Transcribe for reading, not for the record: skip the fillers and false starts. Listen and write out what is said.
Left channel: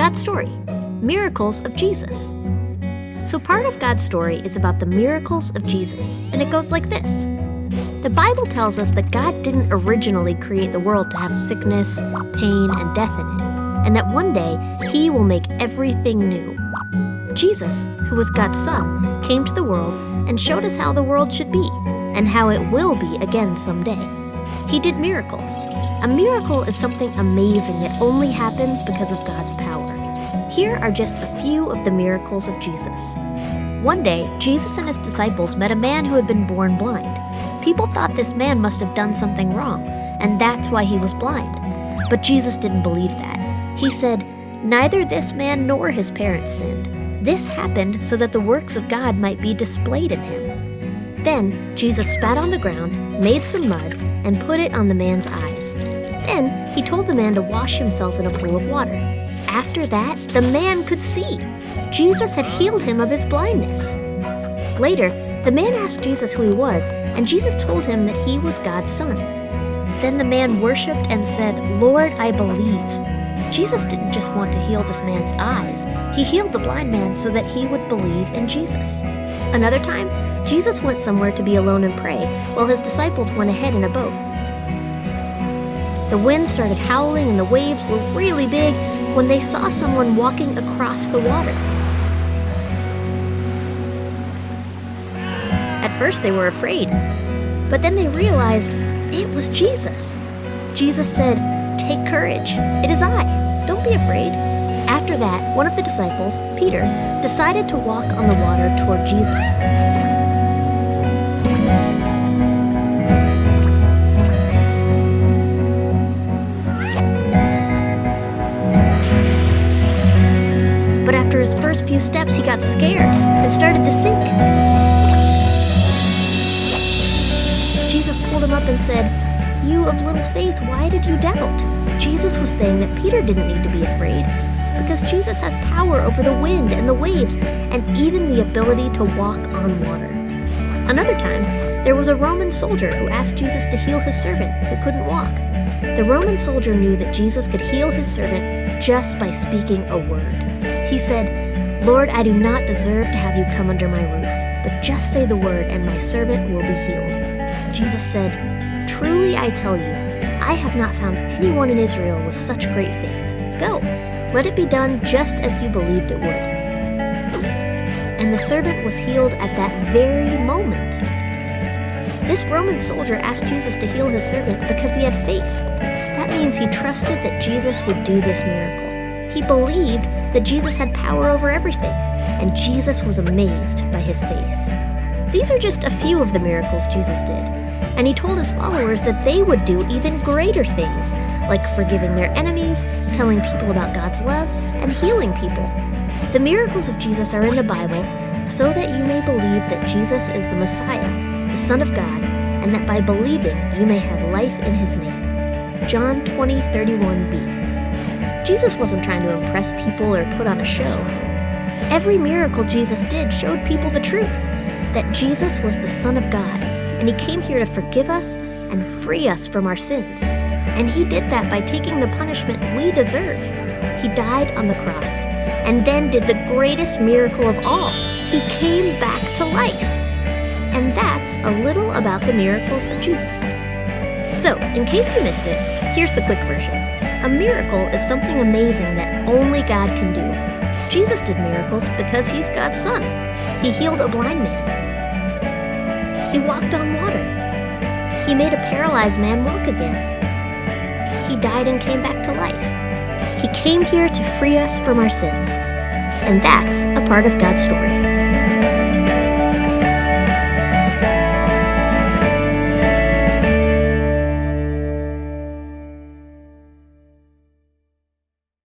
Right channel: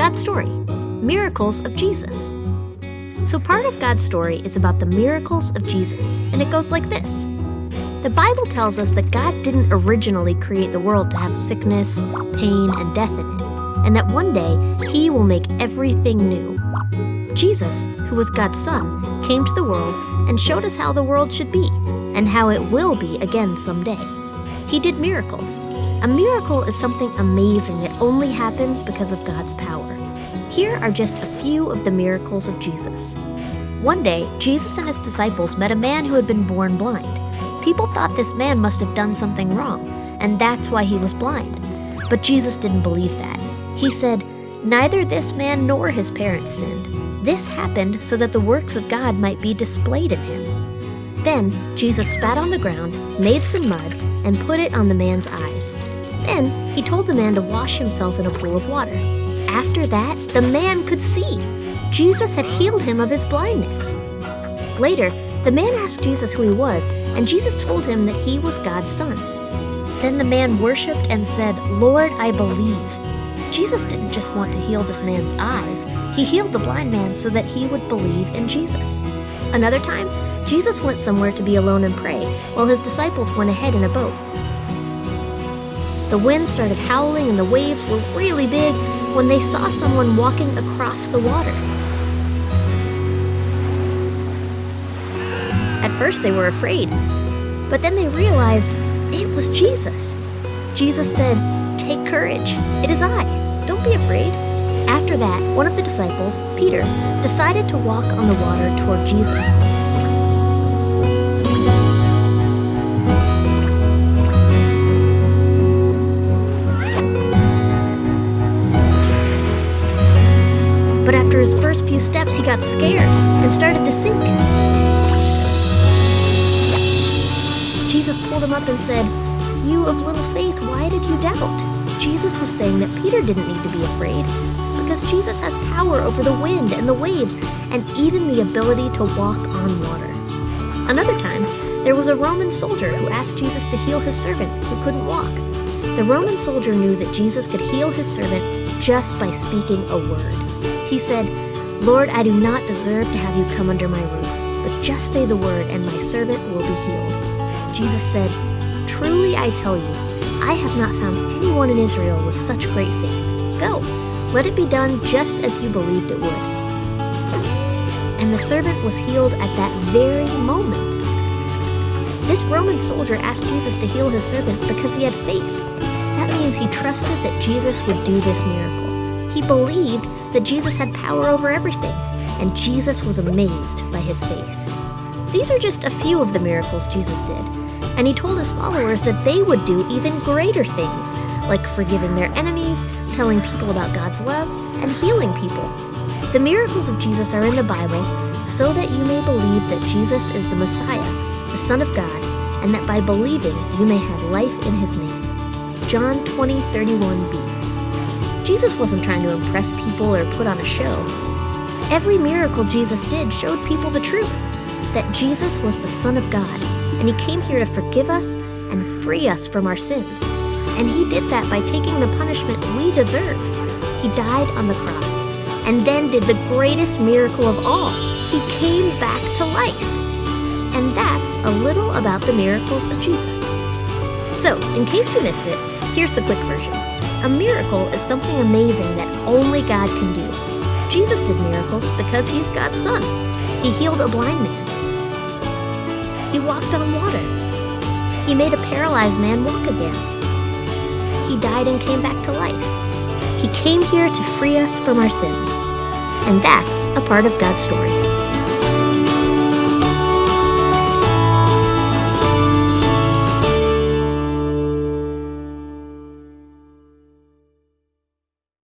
God's story, miracles of Jesus. So part of God's story is about the miracles of Jesus, and it goes like this. The Bible tells us that God didn't originally create the world to have sickness, pain, and death in it, and that one day He will make everything new. Jesus, who was God's Son, came to the world and showed us how the world should be, and how it will be again someday. He did miracles. A miracle is something amazing that only happens because of God's power. Here are just a few of the miracles of Jesus. One day, Jesus and His disciples met a man who had been born blind. People thought this man must have done something wrong, and that's why he was blind. But Jesus didn't believe that. He said, "Neither this man nor his parents sinned. This happened so that the works of God might be displayed in him." Then Jesus spat on the ground, made some mud, and put it on the man's eyes. Then He told the man to wash himself in a pool of water. After that, the man could see. Jesus had healed him of his blindness. Later, the man asked Jesus who he was, and Jesus told him that he was God's Son. Then the man worshipped and said, "Lord, I believe." Jesus didn't just want to heal this man's eyes. He healed the blind man so that he would believe in Jesus. Another time, Jesus went somewhere to be alone and pray, while His disciples went ahead in a boat. The wind started howling and the waves were really big when they saw someone walking across the water. At first they were afraid, but then they realized it was Jesus. Jesus said, "Take courage, it is I. Don't be afraid." After that, one of the disciples, Peter, decided to walk on the water toward Jesus. But after his first few steps, he got scared and started to sink. Jesus pulled him up and said, "You of little faith, why did you doubt?" Jesus was saying that Peter didn't need to be afraid because Jesus has power over the wind and the waves and even the ability to walk on water. Another time, there was a Roman soldier who asked Jesus to heal his servant who couldn't walk. The Roman soldier knew that Jesus could heal his servant just by speaking a word. He said, "Lord, I do not deserve to have you come under my roof, but just say the word and my servant will be healed." Jesus said, "Truly I tell you, I have not found anyone in Israel with such great faith. Go, let it be done just as you believed it would." And the servant was healed at that very moment. This Roman soldier asked Jesus to heal his servant because he had faith. That means he trusted that Jesus would do this miracle. He believed that Jesus had power over everything, and Jesus was amazed by his faith. These are just a few of the miracles Jesus did, and He told His followers that they would do even greater things, like forgiving their enemies, telling people about God's love, and healing people. The miracles of Jesus are in the Bible so that you may believe that Jesus is the Messiah, the Son of God, and that by believing you may have life in His name. John 20:31b. Jesus wasn't trying to impress people or put on a show. Every miracle Jesus did showed people the truth, that Jesus was the Son of God, and He came here to forgive us and free us from our sins. And He did that by taking the punishment we deserve. He died on the cross, and then did the greatest miracle of all. He came back to life. And that's a little about the miracles of Jesus. So, in case you missed it, here's the quick version. A miracle is something amazing that only God can do. Jesus did miracles because He's God's Son. He healed a blind man. He walked on water. He made a paralyzed man walk again. He died and came back to life. He came here to free us from our sins. And that's a part of God's story.